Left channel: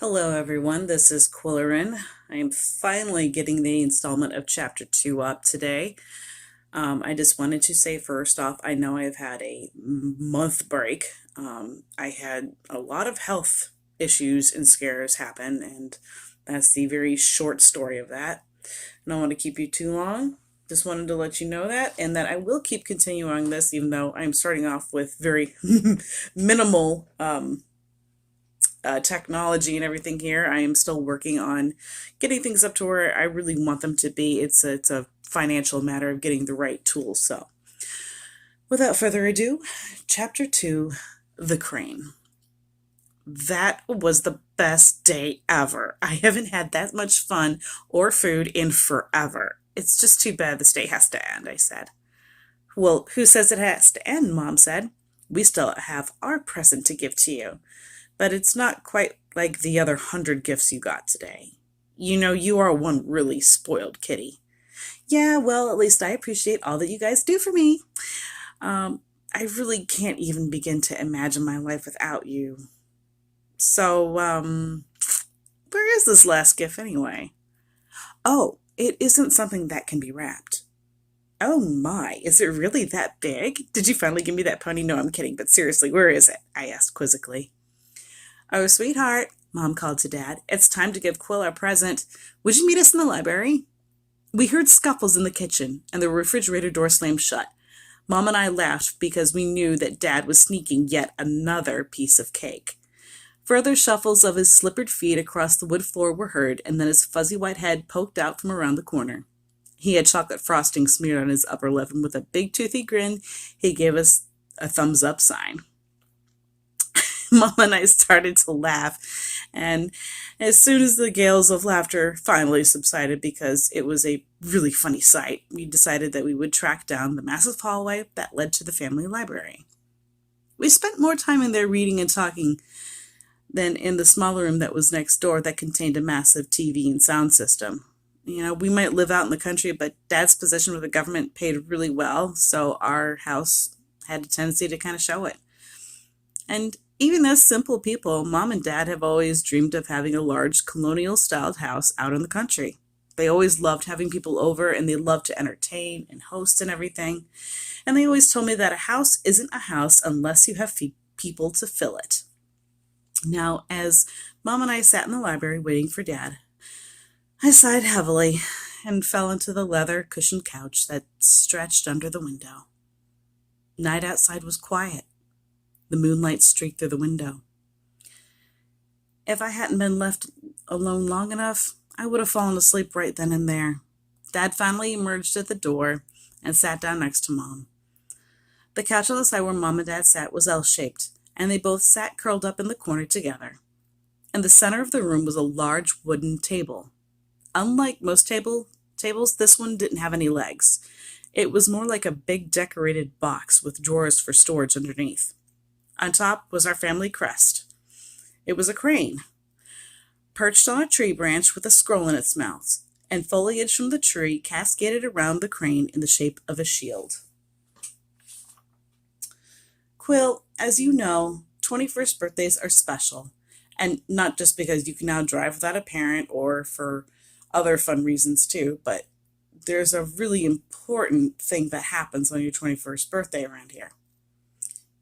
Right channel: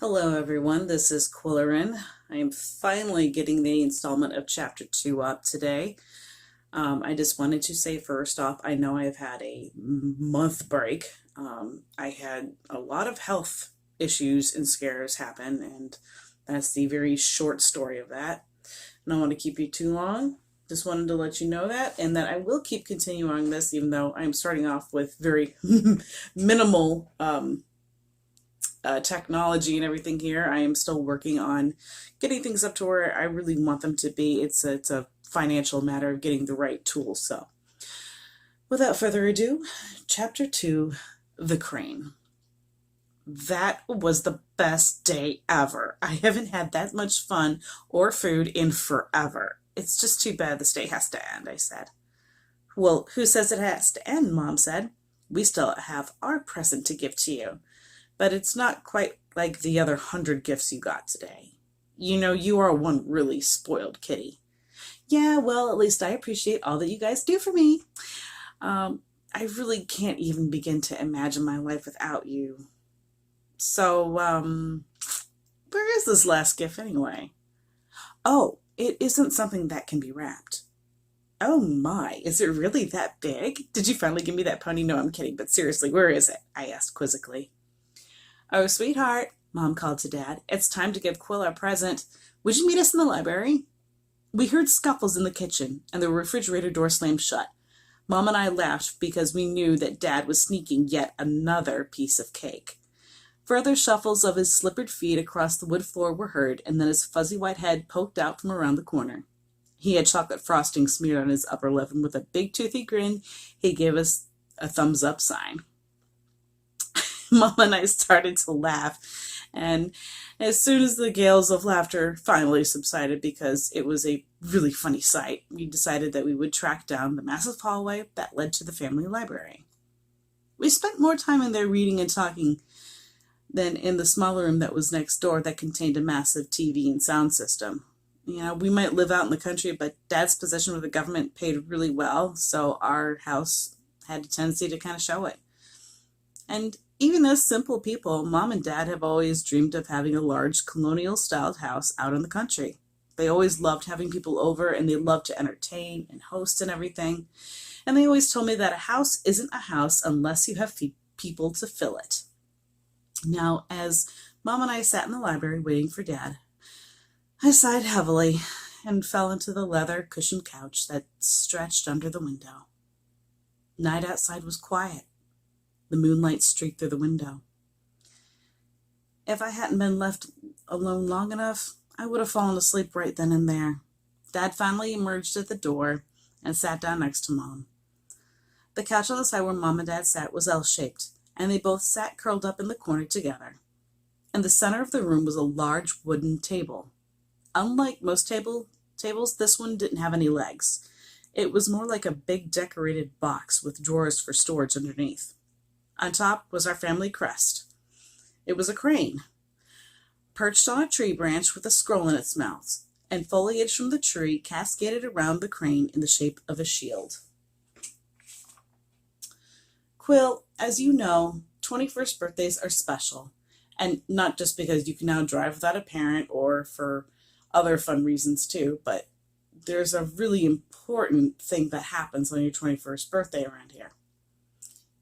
Hello, everyone. This is Quillerin. I am finally getting the installment of Chapter 2 up today. I just wanted to say first off, I know I've had a month break. I had a lot of health issues and scares happen, and that's the very short story of that. I don't want to keep you too long. Just wanted to let you know that, and that I will keep continuing this, even though I'm starting off with very minimal technology and everything here. I am still working on getting things up to where I really want them to be. It's a financial matter of getting the right tools. So, without further ado, Chapter 2, The Crane. That was the best day ever. I haven't had that much fun or food in forever. It's just too bad this day has to end, I said. Well, who says it has to end? Mom said. We still have our present to give to you, but it's not quite like the other 100 gifts you got today. You know, you are one really spoiled kitty. Yeah, well, at least I appreciate all that you guys do for me. I really can't even begin to imagine my life without you. So, where is this last gift anyway? Oh, it isn't something that can be wrapped. Oh my, is it really that big? Did you finally give me that pony? No, I'm kidding, but seriously, where is it? I asked quizzically. Oh, sweetheart, Mom called to Dad. It's time to give Quill our present. Would you meet us in the library? We heard scuffles in the kitchen, and the refrigerator door slammed shut. Mom and I laughed because we knew that Dad was sneaking yet another piece of cake. Further shuffles of his slippered feet across the wood floor were heard, and then his fuzzy white head poked out from around the corner. He had chocolate frosting smeared on his upper lip, and with a big toothy grin, he gave us a thumbs up sign. Mom and I started to laugh, and as soon as the gales of laughter finally subsided because it was a really funny sight, we decided that we would track down the massive hallway that led to the family library. We spent more time in there reading and talking than in the smaller room that was next door that contained a massive TV and sound system. You know, we might live out in the country, but Dad's position with the government paid really well, so our house had a tendency to kind of show it. And even as simple people, Mom and Dad have always dreamed of having a large colonial styled house out in the country. They always loved having people over and they loved to entertain and host and everything. And they always told me that a house isn't a house unless you have people to fill it. Now, as Mom and I sat in the library waiting for Dad, I sighed heavily and fell into the leather cushioned couch that stretched under the window. Night outside was quiet. The moonlight streaked through the window. If I hadn't been left alone long enough, I would have fallen asleep right then and there. Dad finally emerged at the door and sat down next to Mom. The couch on the side where Mom and Dad sat was L-shaped, and they both sat curled up in the corner together. In the center of the room was a large wooden table. Unlike most tables, this one didn't have any legs. It was more like a big decorated box with drawers for storage underneath. On top was our family crest. It was a crane, perched on a tree branch with a scroll in its mouth, and foliage from the tree cascaded around the crane in the shape of a shield. Quill, as you know, 21st birthdays are special, and not just because you can now drive without a parent or for other fun reasons too, but there's a really important thing that happens on your 21st birthday around here.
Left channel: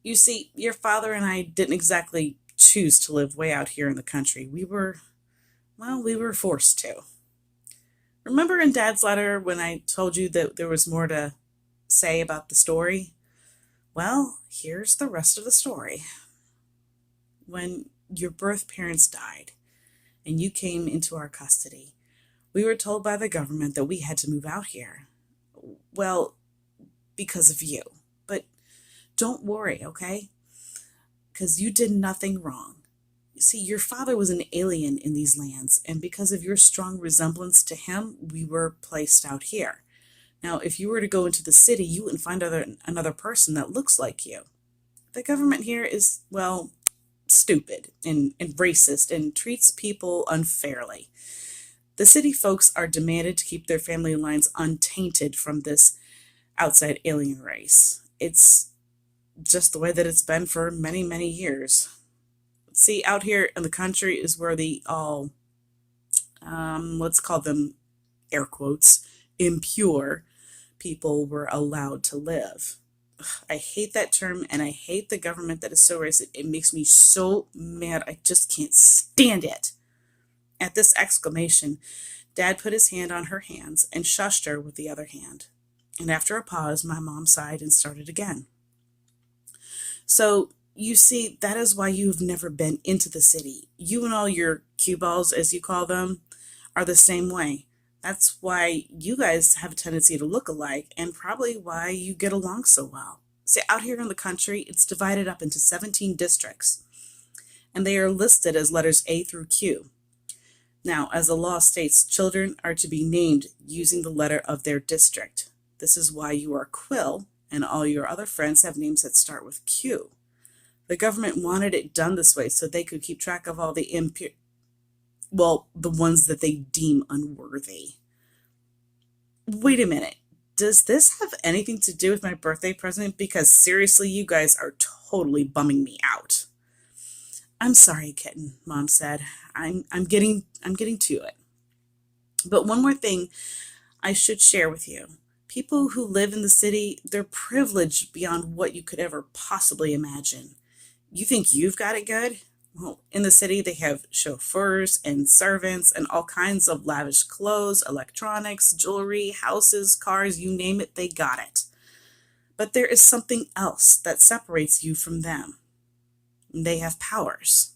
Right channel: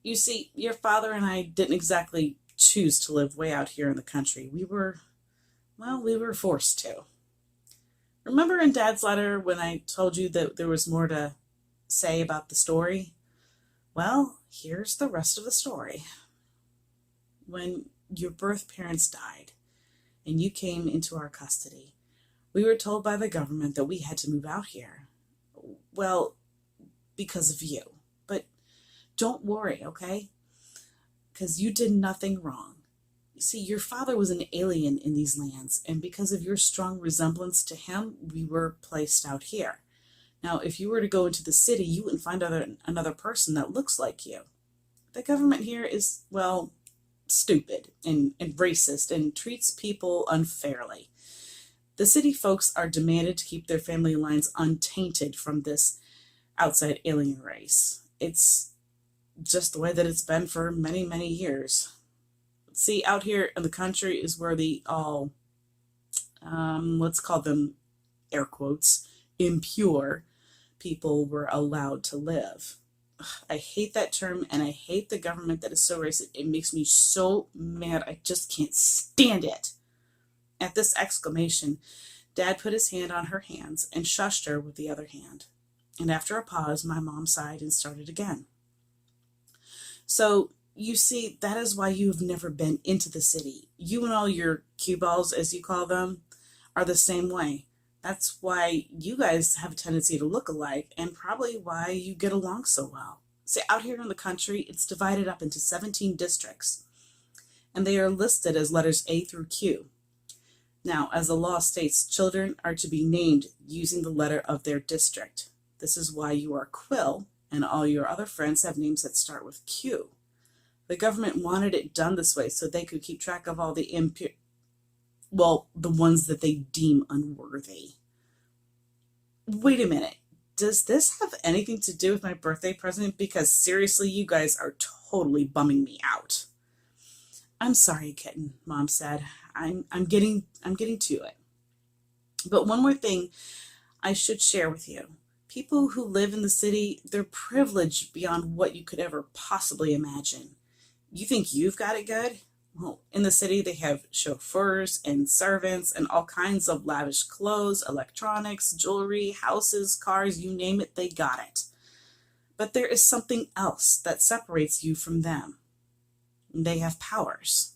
You see, your father and I didn't exactly choose to live way out here in the country. We were forced to. Remember in Dad's letter when I told you that there was more to say about the story? Well, here's the rest of the story. When your birth parents died and you came into our custody, we were told by the government that we had to move out here. Well, because of you. But don't worry, okay? Because you did nothing wrong. You see, your father was an alien in these lands, and because of your strong resemblance to him, we were placed out here. Now, if you were to go into the city, you wouldn't find another person that looks like you. The government here is, well, stupid and racist and treats people unfairly. The city folks are demanded to keep their family lines untainted from this outside alien race. It's just the way that it's been for many, many years. See, out here in the country is where the all, let's call them air quotes, impure people were allowed to live. I hate that term and I hate the government that is so racist. It makes me so mad. I just can't stand it. At this exclamation, Dad put his hand on her hands and shushed her with the other hand. And after a pause, my mom sighed and started again. So, you see, that is why you've never been into the city. You and all your cue balls, as you call them, are the same way. That's why you guys have a tendency to look alike and probably why you get along so well. See, out here in the country, it's divided up into 17 districts, and they are listed as letters A through Q. Now, as the law states, children are to be named using the letter of their district. This is why you are Quill, and all your other friends have names that start with Q. The government wanted it done this way so they could keep track of all the the ones that they deem unworthy. Wait a minute. Does this have anything to do with my birthday present? Because seriously, you guys are totally bumming me out. I'm sorry, kitten, Mom said. I'm getting to it. But one more thing I should share with you. People who live in the city, they're privileged beyond what you could ever possibly imagine. You think you've got it good? Well, in the city, they have chauffeurs and servants and all kinds of lavish clothes, electronics, jewelry, houses, cars, you name it, they got it. But there is something else that separates you from them. They have powers,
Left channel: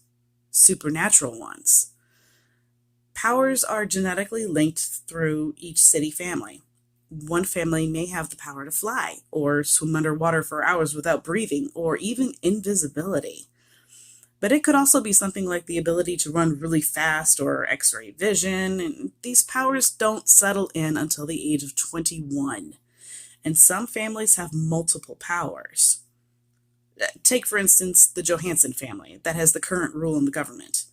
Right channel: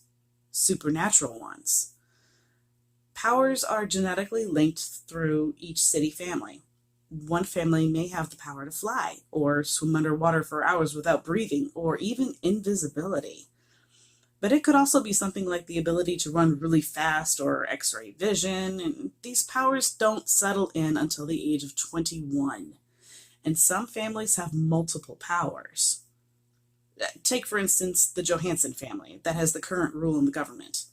supernatural ones. Powers are genetically linked through each city family. One family may have the power to fly, or swim underwater for hours without breathing, or even invisibility. But it could also be something like the ability to run really fast or X-ray vision, and these powers don't settle in until the age of 21. And some families have multiple powers. Take, for instance, the Johansson family that has the current rule in the government.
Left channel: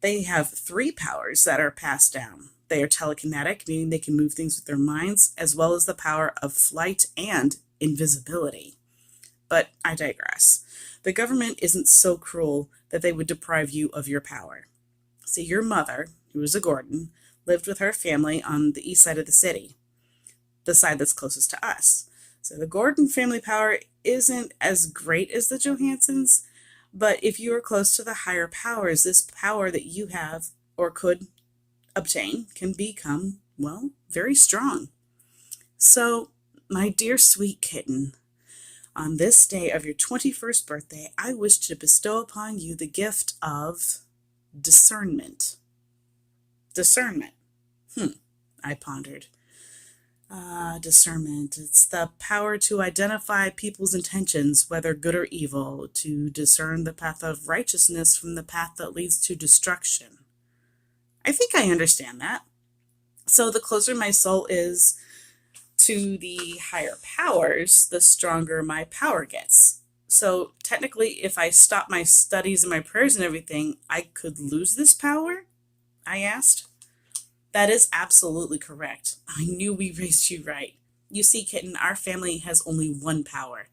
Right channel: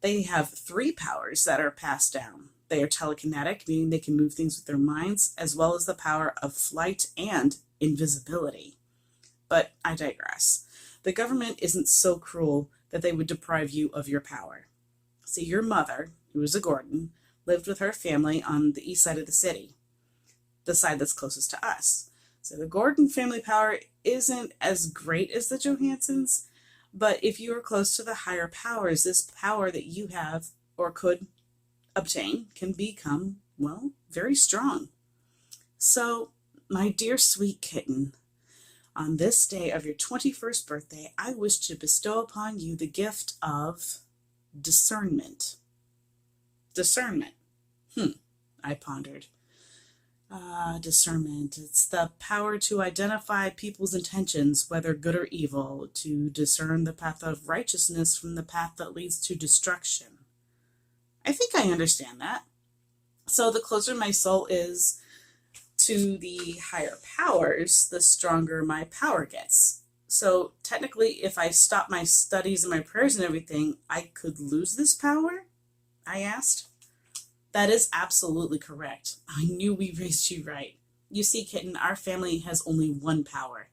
They have 3 powers that are passed down. They are telekinetic, meaning they can move things with their minds, as well as the power of flight and invisibility. But I digress. The government isn't so cruel that they would deprive you of your power. See, your mother, who was a Gordon, lived with her family on the east side of the city, the side that's closest to us. So the Gordon family power isn't as great as the Johanssons, but if you are close to the higher powers, this power that you have or could obtain can become, well, very strong. So, my dear sweet kitten, on this day of your 21st birthday, I wish to bestow upon you the gift of discernment. Discernment. I pondered. Discernment. It's the power to identify people's intentions, whether good or evil, to discern the path of righteousness from the path that leads to destruction. I think I understand that. So the closer my soul is to the higher powers, the stronger my power gets. So technically, if I stop my studies and my prayers and everything, I could lose this power? I asked. That is absolutely correct. I knew we raised you right. You see, kitten, our family has only one power,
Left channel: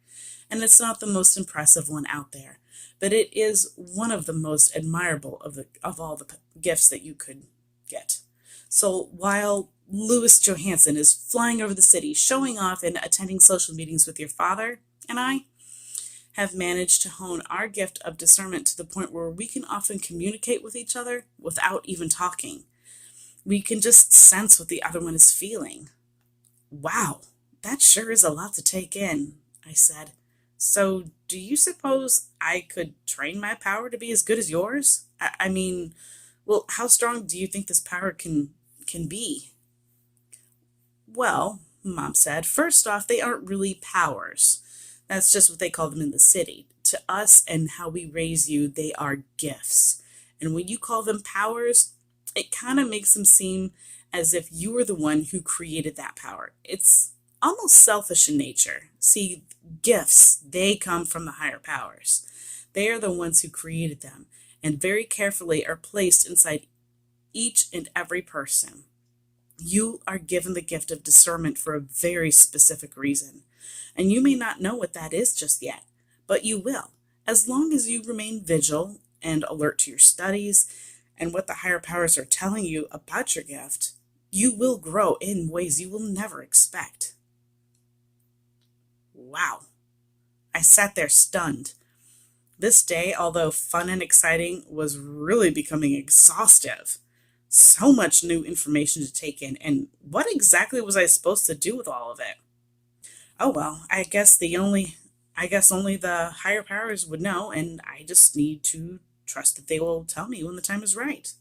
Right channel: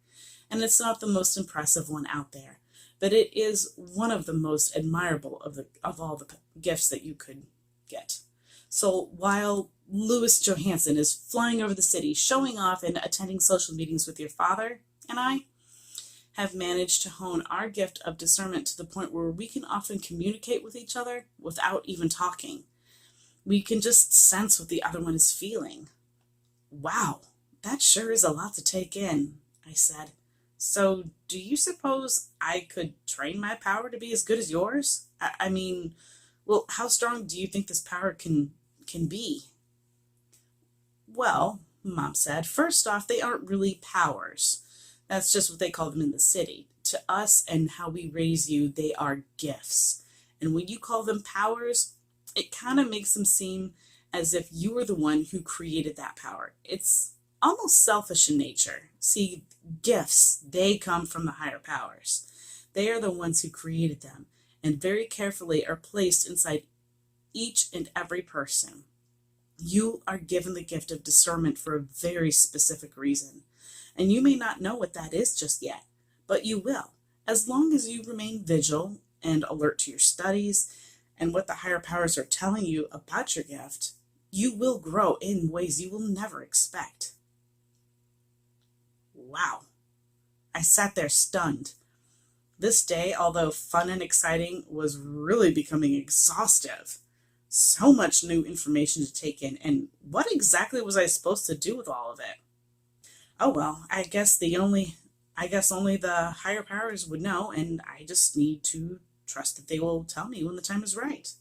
and it's not the most impressive one out there, but it is one of the most admirable of all the gifts that you could get. So while Louis Johansson is flying over the city, showing off and attending social meetings with your father, and I have managed to hone our gift of discernment to the point where we can often communicate with each other without even talking. We can just sense what the other one is feeling. Wow, that sure is a lot to take in, I said. So, do you suppose I could train my power to be as good as yours? I mean, well, how strong do you think this power can be? Well, Mom said, first off, they aren't really powers. That's just what they call them in the city. To us and how we raise you, they are gifts. And when you call them powers, it kind of makes them seem as if you were the one who created that power. It's almost selfish in nature. See, gifts, they come from the higher powers. They are the ones who created them and very carefully are placed inside each and every person. You are given the gift of discernment for a very specific reason. And you may not know what that is just yet, but you will, as long as you remain vigilant and alert to your studies and what the higher powers are telling you about your gift, you will grow in ways you will never expect. Wow. I sat there stunned. This day, although fun and exciting, was really becoming exhaustive. So much new information to take in, and what exactly was I supposed to do with all of it? Oh well, I guess only the higher powers would know, and I just need to trust that they will tell me when the time is right.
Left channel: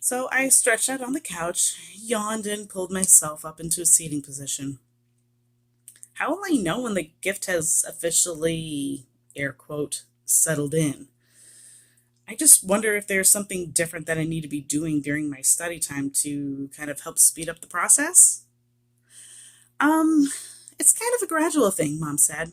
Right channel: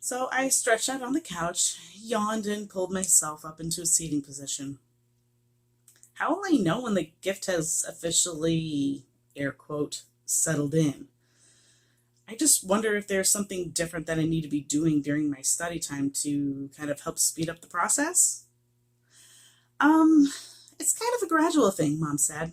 So I stretched out on the couch, yawned, and pulled myself up into a seating position. How will I know when the gift has officially, air quote, settled in? I just wonder if there's something different that I need to be doing during my study time to kind of help speed up the process. Um, it's kind of a gradual thing, Mom said.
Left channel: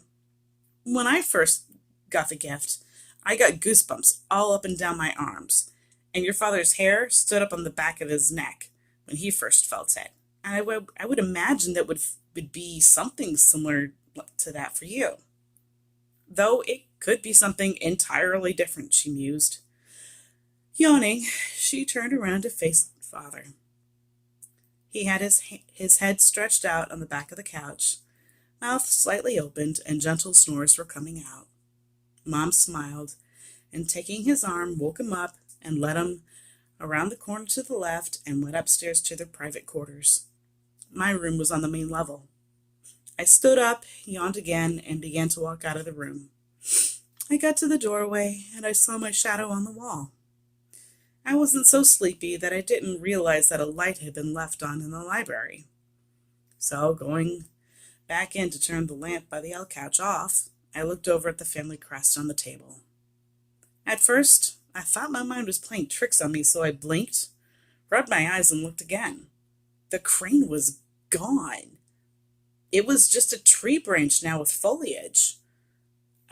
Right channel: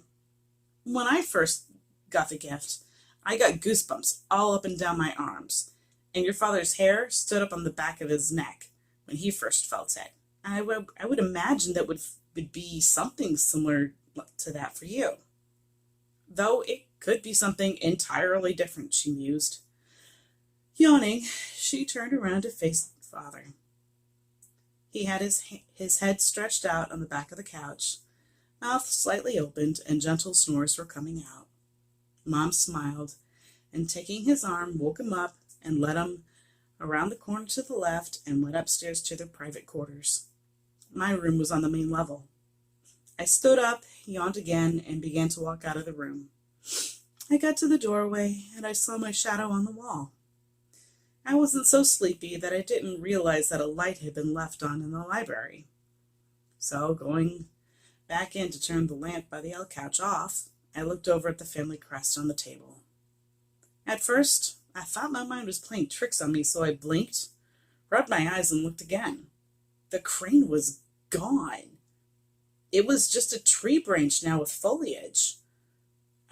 When I first got the gift, I got goosebumps all up and down my arms, and your father's hair stood up on the back of his neck when he first felt it. And I would imagine that would be something similar to that for you. Though it could be something entirely different, she mused. Yawning, she turned around to face father. He had his head stretched out on the back of the couch, mouth slightly opened, and gentle snores were coming out. Mom smiled, and taking his arm, woke him up and led him around the corner to the left and went upstairs to their private quarters. My room was on the main level. I stood up, yawned again, and began to walk out of the room. I got to the doorway, and I saw my shadow on the wall. I wasn't so sleepy that I didn't realize that a light had been left on in the library. So, going back in to turn the lamp by the L couch off, I looked over at the family crest on the table. At first, I thought my mind was playing tricks on me, so I blinked, rubbed my eyes, and looked again. The crane was gone. It was just a tree branch now with foliage.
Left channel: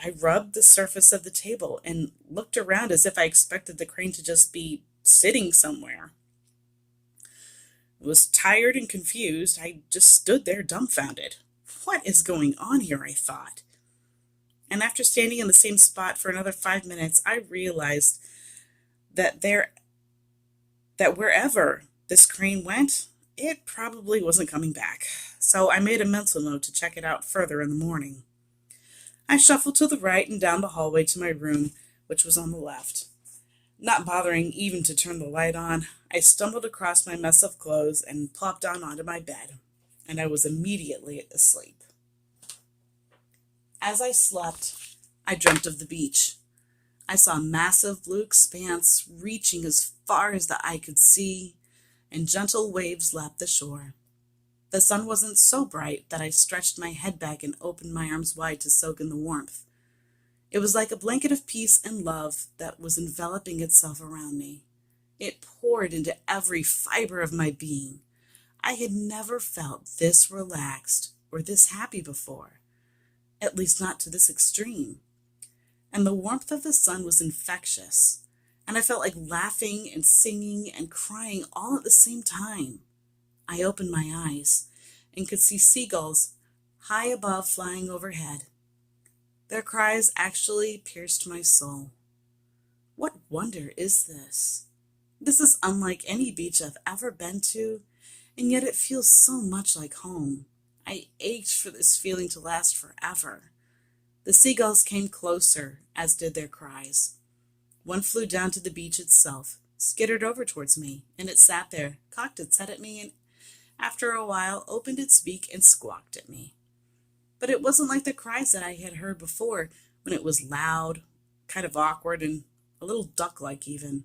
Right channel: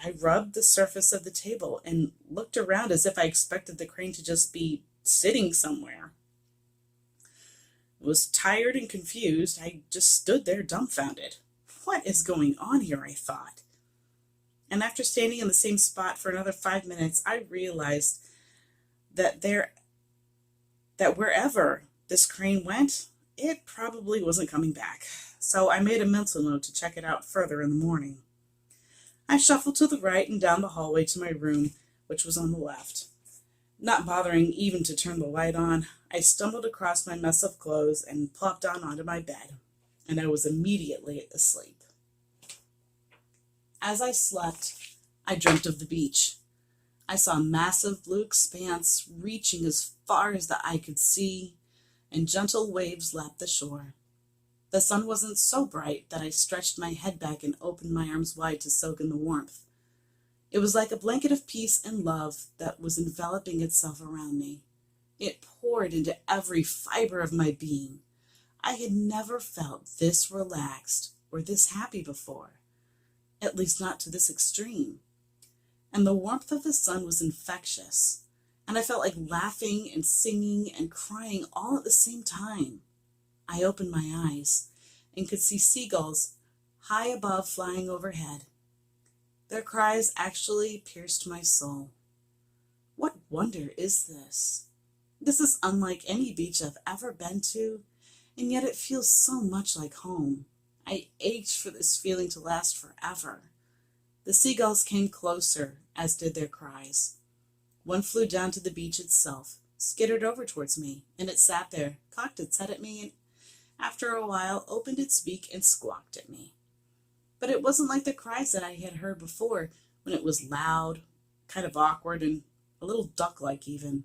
I rubbed the surface of the table and looked around as if I expected the crane to just be sitting somewhere. I was tired and confused. I just stood there dumbfounded. What is going on here, I thought. And after standing in the same spot for another 5 minutes, I realized that wherever this crane went, it probably wasn't coming back. So I made a mental note to check it out further in the morning. I shuffled to the right and down the hallway to my room, which was on the left. Not bothering even to turn the light on, I stumbled across my mess of clothes and plopped down onto my bed, and I was immediately asleep. As I slept, I dreamt of the beach. I saw a massive blue expanse reaching as far as the eye could see, and gentle waves lapped the shore. The sun wasn't so bright that I stretched my head back and opened my arms wide to soak in the warmth. It was like a blanket of peace and love that was enveloping itself around me. It poured into every fiber of my being. I had never felt this relaxed or this happy before, at least not to this extreme. And the warmth of the sun was infectious, and I felt like laughing and singing and crying all at the same time. I opened my eyes and could see seagulls high above flying overhead. Their cries actually pierced my soul. What wonder is this? This is unlike any beach I've ever been to, and yet it feels so much like home. I ached for this feeling to last forever. The seagulls came closer, as did their cries. One flew down to the beach itself, skittered over towards me, and it sat there, cocked its head at me, and after a while opened its beak and squawked at me. But it wasn't like the cries that I had heard before, when it was loud, kind of awkward, and a little duck-like even.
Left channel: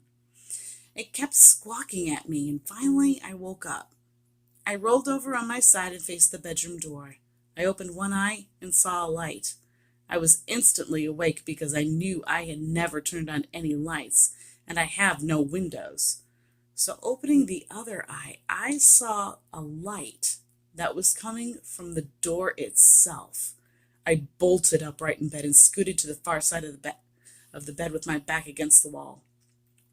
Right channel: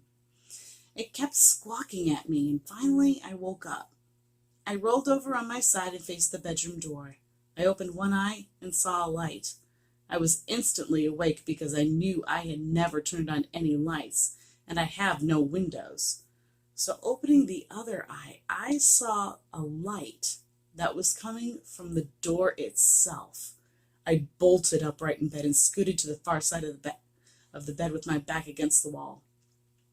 It kept squawking at me, and finally I woke up. I rolled over on my side and faced the bedroom door. I opened one eye and saw a light. I was instantly awake because I knew I had never turned on any lights, and I have no windows. So opening the other eye, I saw a light that was coming from the door itself. I bolted upright in bed and scooted to the far side of the bed with my back against the wall.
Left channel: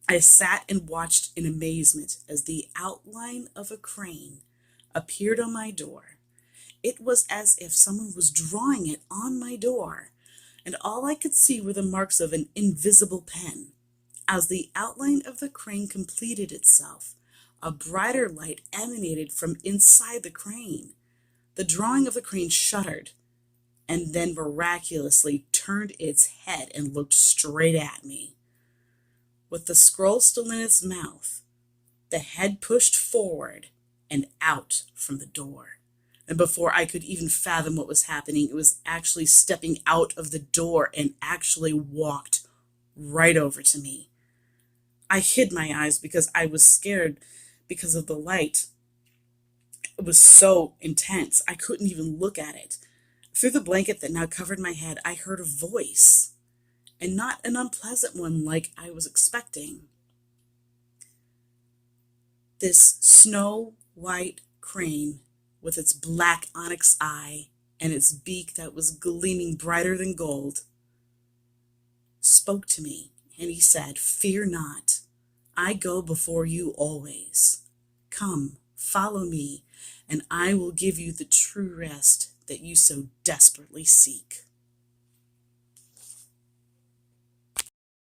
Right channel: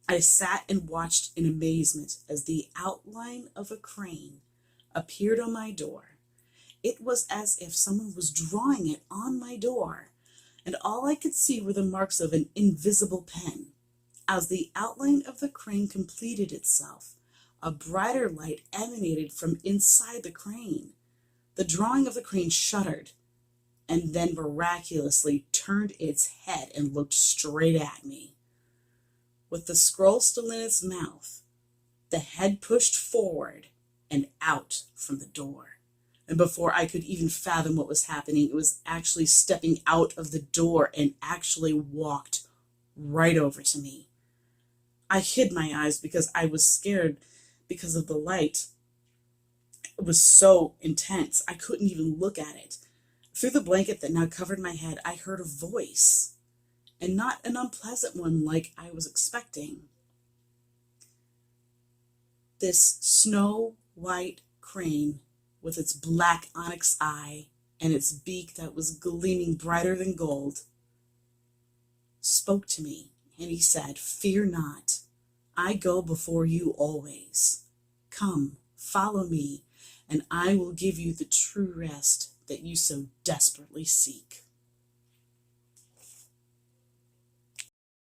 I sat and watched in amazement as the outline of a crane appeared on my door. It was as if someone was drawing it on my door, and all I could see were the marks of an invisible pen. As the outline of the crane completed itself, a brighter light emanated from inside the crane. The drawing of the crane shuddered and then miraculously turned its head and looked straight at me. With the scroll still in its mouth, the head pushed forward and out from the door. And before I could even fathom what was happening, it was actually stepping out of the door and actually walked right over to me. I hid my eyes because I was scared because of the light. It was so intense, I couldn't even look at it. Through the blanket that now covered my head, I heard a voice, and not an unpleasant one like I was expecting. This snow white crane with its black onyx eye and its beak that was gleaming brighter than gold spoke to me, and he said, "Fear not, I go before you always. Come, follow me, and I will give you the true rest that you so desperately seek."